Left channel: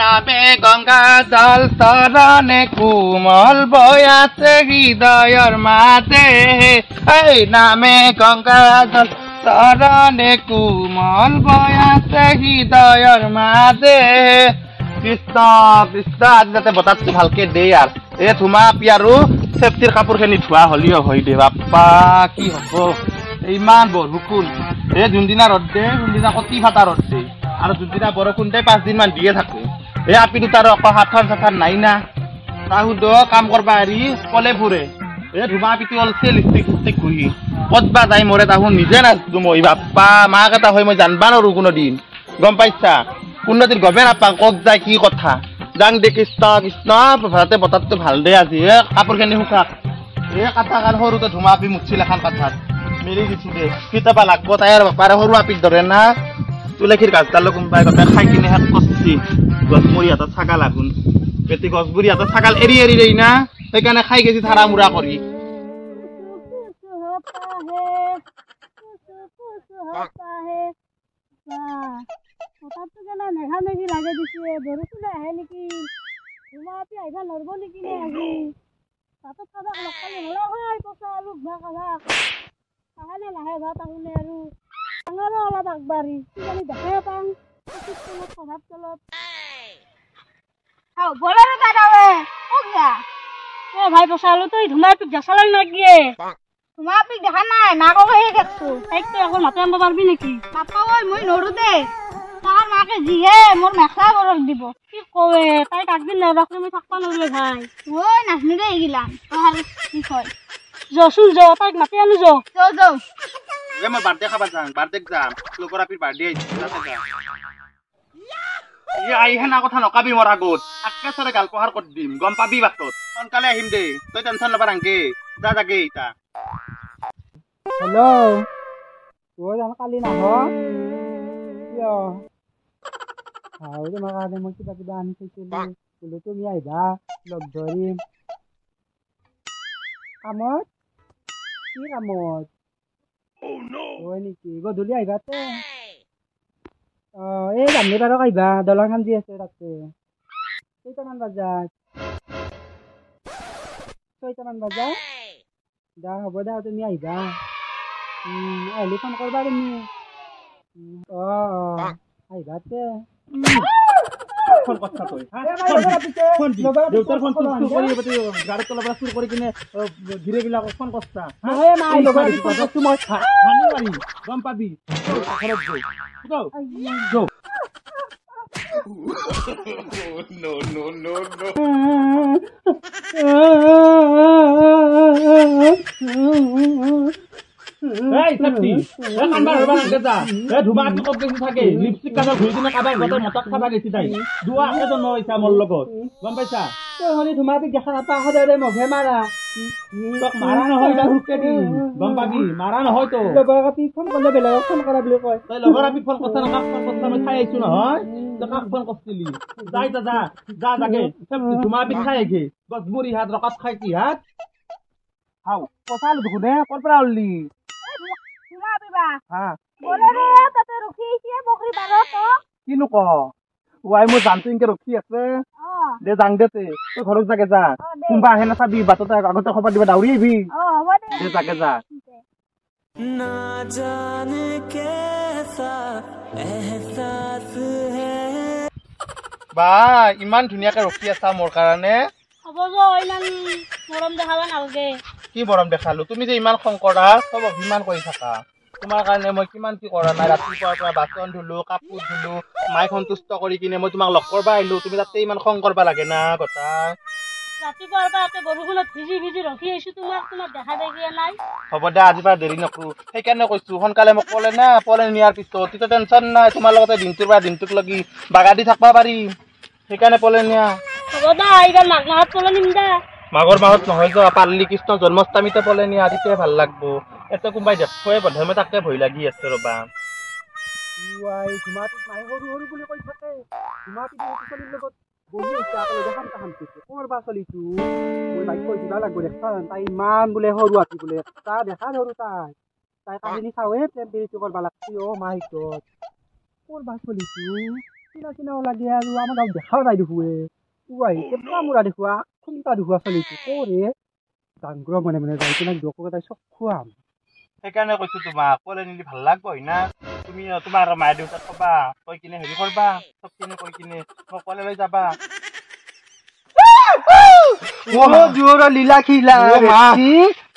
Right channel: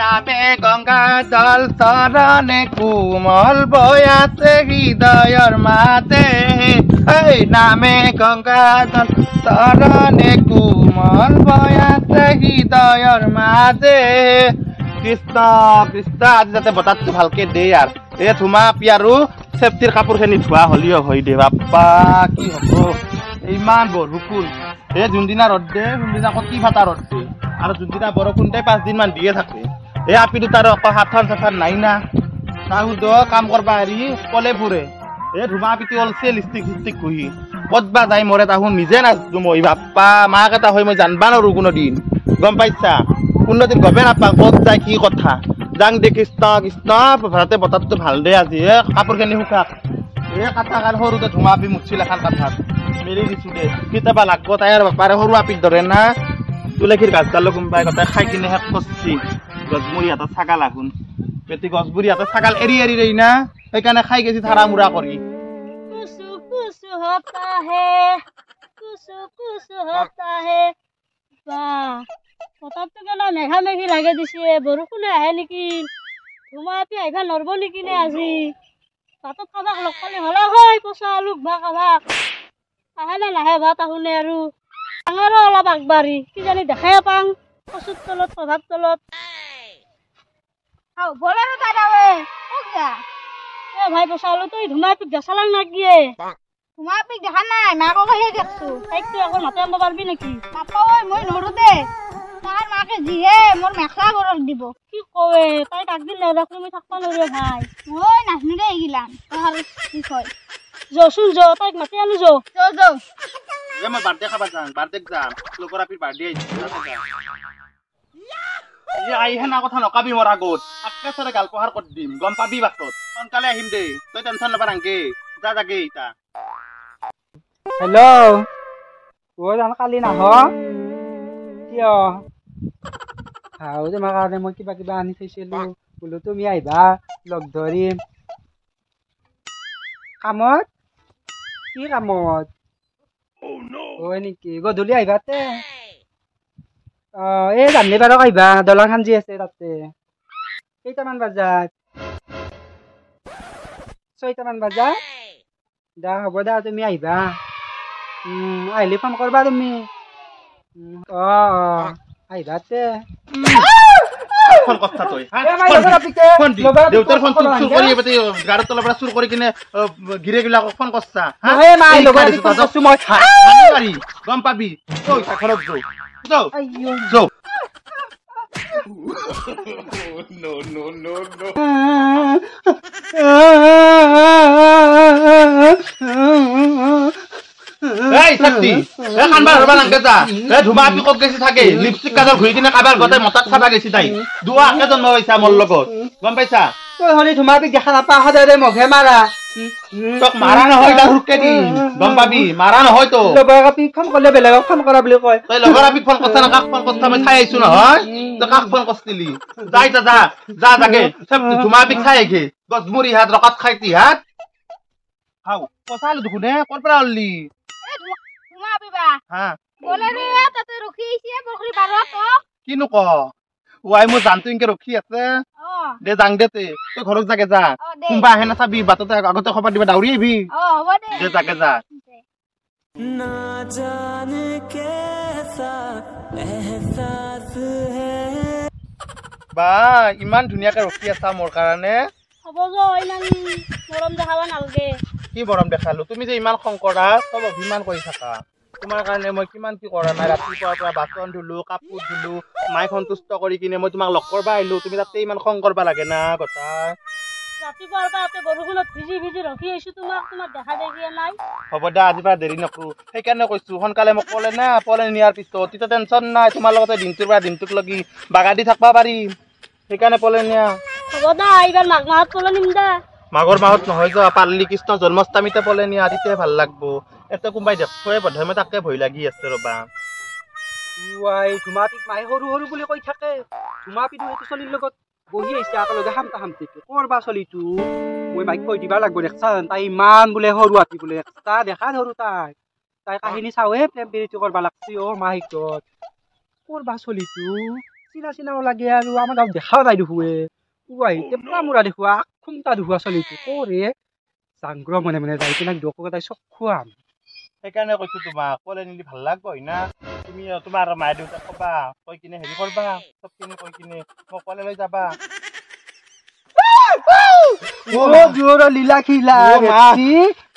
নামে গঙ্গা জল চৰণে কোমল বৈ আছে হৃদয়ৰ মাতে এই নামে গঙ্গা জল চৰণে কোমল বৈ আছে হৃদয়ৰ মাতে কৃষ্ণ কৃষ্ণ আজি যাতে বতাহটো ভালকে দে আৰ এ ধুমা পিয়াৰু সেফটিৰ কাপোৰখিনি ধোৱা হলিও হয় দে বাপ্পা কি হব ইমান বৰষুণ এই যোনদিনা ৰ'দ দে যোনদিনা কতি ফাটা ৰ'দ দে আৰু যোনদিনা বৰষুণ দে 5 দিন মান দিয়ে থাকে এই আপি দুটাৰ আকৌ হাতখন চাথান নাই না তাহুদ কাম কৰবা আৰি কলে ফুৰে এই ধুমা পিটি অলছে লিপষ্টিক ঘুহি ক'তবা যাই মৰে তাহুন নিজে নাজনো মই বাপ্পা মাক এটা হৈ মই জানবা নোৱাৰো কোনোদিন গম পাইছা কোনোদিন গমে নাপাওঁ ক'ত যায় কি কথা যাং দে কৃষ্ণ কৃষ্ণ ভাৰতে বতাহটো ভাল দে আজি কাপোৰখিনি শুকাক এই কাটা কান সৰুতে ধুমা আপি মুঠিল এখন কাঠাত মেলি দিছোঁ দে কেতিয়াবা লাগব তাইৰ বাপাৰে সৰু আপিত ধৰে না তুলসীৰ গাছডালো কোনোবাই গোটেই খাই কিনে শেষ কৰছি গছমুৰি হাতত ছাগাল আগুন এটি গছগুৰি হাতত ছাগাল এৰি এৰি দেই না সেইকাৰণে খাই গেছি থাৰা মুৰা কৰি মেঘা মেঘি লাগে দিছে বৰষুণে আহে নেকি ধুমা আপি আহিবা নৰব নেকি নে আজি ভাতত কাবাক লগ পালে হলে হয় পচা আলু ভা কাবাক আহে নে নাহে ভাত আহুনে আৰু ডাঙৰো অলপ আগবাঢ়ি কিজানি দেখাই পাং কচুৰ তলত প্ৰভাৱ তলত বলেৰো দাদাৱে এ ভাই পচা আলু তই ধুমা পিক দেখালাং নাগিয়ে ধুমা পিক দেখা নাই মাককহে দেখছো তাইকতো একো মাতে আনব পাৰবি নেকি নাপাওঁ মই নৰো দে তাৰ মাকে যিহে মোৰ মেখলা গৰম দিব কি কৱে তাই একদিন নেদেখলি মই থাকবা নোৱাৰো ভাই মই নাজনো দে এইগিলান তাৰ বিষয় যচোন য তাইক মাতি আনো য মই বাৰ্থডে খাবা যাম বাৰ্থডে যাম লোকৰ আপিৰ বাৰ্থডে আহিহে না কথা নকাবি মোৰ আগত একেচৰে গাল পহাৰ কৰি দিম গম পাবি বাটত সোনকালে আহিম দে তই টেনচন ল'বা নাংগে যা যাগে ইতা হেল্ল' অ' জান কালি নাহ কিয় তোমাৰ কাৰণে মই কিবা কিবা আনি থৈছিলো বোলো তুমি আহিবা লগ ধৰিম কামত কি কামত হয় নেকি গধূলি আহিবা তে এই জানলি পাৰক আহিবা দলং খান যি আছে তাতে কেইটামান বজাত 6টামান বজাত দা হ'ব দা তুমি আহিবা আহিলে ফোন কৰবা তুমি আহিবা তে ফোন কথা তই ফোন দি দেউতাৰ ফোন চুৰ কৰি এবাতে গাড়ীৰ তলৰ পৰা চুৰ কৰি কিনে গিৰেবিলাকক ফোন কৰছা গম পাবি ঘৰত যাও যাও no no no no এই শক্তি কানবা হবা নাংগে যা ধুমা আপি কত গেছি থাকে লিপষ্টিক কাজল ঘুৰি কিনে কাবাৰ গতে মতাক খাবা গেছি তাই দুৱা কে জন্ম হৈছা মোৰ লগত গম পাইছা তই হলি ধুমা আপি দেখা নাপা সদায় মঘে মাৰা তোক মাৰা নহয় তা হুকে দি গম পাবি মাৰা নহয় তো লগৰ আপি ফোন কৰিলে বেলেগক ফোন কৰা বুলি কয় তই লগৰ আপি ফোন কৰছা না কাক ফোন কৰছা মই চাই আইছো নহয় তই কাক ফোন কৰছিলি যাই যা যা যা যাগে ধুমা আপি খাই আইগে গছমুৰি হাত ৰকাত খাইতি হাত খাও পচাল দুখনে কৰ পৰা আললি ধুমা পিবা হা বলেৰে তাতে ৰখি আছে বকৰি বাৰত কিনো ক ওয়াই মোৰ জানটো ইনকে ৰখি আছে দে যাং দে তই ঘৰত যাগে যা কোনবা আহে না চাবি বাটতে আগতে খবৰ দিবা দাউৰি আহিবি হ'ব দে যাগে যা না জানে কেসা এহসাস হে বা ইমান ধুনীয়াকে ৰখি আছা মোৰ কাৰণে হ'ব য ইমান মৰম দেখাবা নালগে কি মৰম দেখালো তুমি যে ইমান খং কৰা সব অভিমান কৰি থাকা তোমাৰ কাৰণে মই কিমান কি কৰা নাই ৰাতিপুৱাৰ পৰা বাচন ধুলো কাপোৰ ধুলো মাই সন্তুষ্ট কৰি কিনে মই তোমাক লগ কৰবা আহিলো তুমি তাতে ইমান খং কৰবা লাগে না কথা ৰাতিপুৱাৰ পৰা তাতে বৰষুণত ভিজি ভিজি ৰখি আছো তোমাক দেখা দেখিয়ে নাই হ'ব দে আজি পৰা দেৰি নকৰো সেইকাৰণে কৈছো সোনকালে মোক ক'লে না পলে নিয়াৰ পিছত তেতিয়া টেনচন নাই তোমাৰ লগতে দিনটোৰ পৰা দিনটোক লাগি বাগা দি থাকবা পাৰিম সেইকাৰণে পলে নিয়া হ'ব দা এইবাৰ মাঘ মাহত পলে নিম দা মাঘৰ মাহত নহয় যা পাৰ্লি কৃষ্ণ জন্মাষ্টমীতে পলে নিয়া তেতিয়া ভাল লাগবো এতে কোনবাই দেখোৱে বধমে তাকে ভয় লাগি আছে ৰবা ওয়াই ধুমা পিক মাই সৰু সৰু বুলি কৈ থাকে ধুমা পিক চলিৰ লগত বহি আহিছে একেলগে হামতা হামতিকে কৰবা চলিটো মই মাইক কৈ দিবা লাগব দেখছান তাই ইমান বোলে সৰু হাতী বোলে তা দেখা ধৰো তাই কাহিনী চাওহে প্ৰেম প্ৰীতি কৰবা লাগছি অ মাই গড কৰবা চলিটো চিনা চিনাও লাগে আৰু আমাৰ গাঁৱত দেখাও নাই দেখুৱে উৱাই টেপলা মুৰা দেখুৱা খুমটা দেখুৱা চলিটো কৰে জাংগ্ৰ মনে মনে যাই কিনে ডকু তাই চব খুৱাম সেইকাৰণে কৈছো তোমাক ক'লে নিলি ভাল লাগব না তুমি তোমাৰ মায়ে দেউতাক কবা কৈ কিনে হেৰি কৰবা চব কিনে কৈ কিনে মোক ক'লে লৈ যাবা জোৰ লীলা খিলা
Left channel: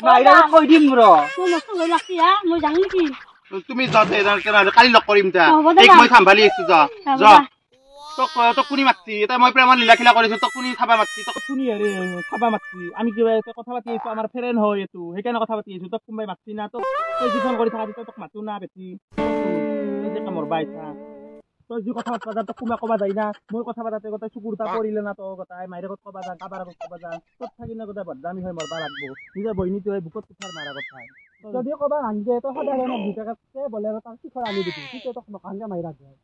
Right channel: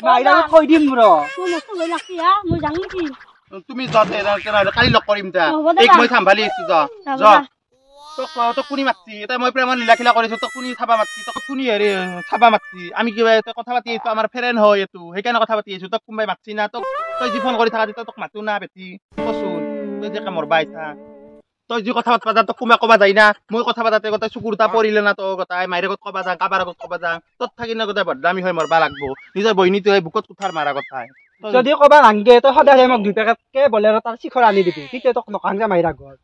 মাইৰা কৈ দিম ৰ মই মস্ত লৈ লাগছি হা মই জানো কি তুমি যাতে কালি লগ কৰিম যা এক মই চাম্ভালি আছো যা যা তোক কোনি মাতছি এটা মই প্ৰেমৰ লীলাখিলা কৰিছো তোক কোনি চাবা মাতছি তোক কোনি হেৰি চাবা মাতছি আমি কিবা কথা পাতি আছো আমাৰ ফ্ৰেণ্ড হয় এইটো সেইকাৰণে কথা পাতি আছো তোক কোনোবাই মাতছি না তোক তই যি ফোন কৰি থাকা তেতিয়া তোক মাতো না বেটি কচোন তই যে কামৰ বাইছা তই যি কথা পাতবা যা তোক কোনোবাই ক'বা যায় না মই কথা পাতাতে গোটেই চকুৰ তা পৰিলে না তো গোটাই মাইৰে আগত ক'বা যা কাবাৰ আগত ক'বা যা তোত থাকি না গোটেই বদনামি হৈ মৰবা লাগব নিজৰ বহিনীটোৱে বুকত কুঠাৰ মাৰা কথাই যদি ক'বা নাংগে তই সদায় মোক 2 পেকেটকে বলেৰ তাৰ শিখৰ আনি দিবি তেতিয়া তোক নকাংগে মাইৰা ঘৰ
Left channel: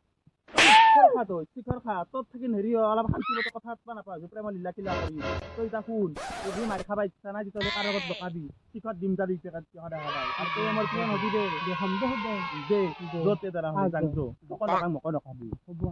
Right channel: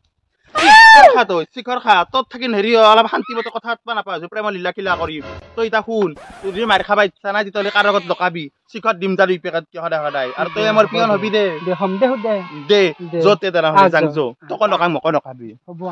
খা তই শিখৰ খা তোত থাকি হেৰি অলপ শান্তি মতে কথা পাতবা নাপাওঁ প্ৰেমৰ লীলাখিলা কৰি তই এতিয়া শুন তোৰ যদি মাৰ খাবা ইচ্ছা নাই তেতিয়াহ'লে কাৰ আগত লকাবি শিখৰ দিম যা 2 পেকেট সদায় সদায় আৰু তই আমাৰ পিয়ন হবি দে দে দে য'তে তেনেহ'লে যাং যো তোক নকাং মোক নকাবি হ'ব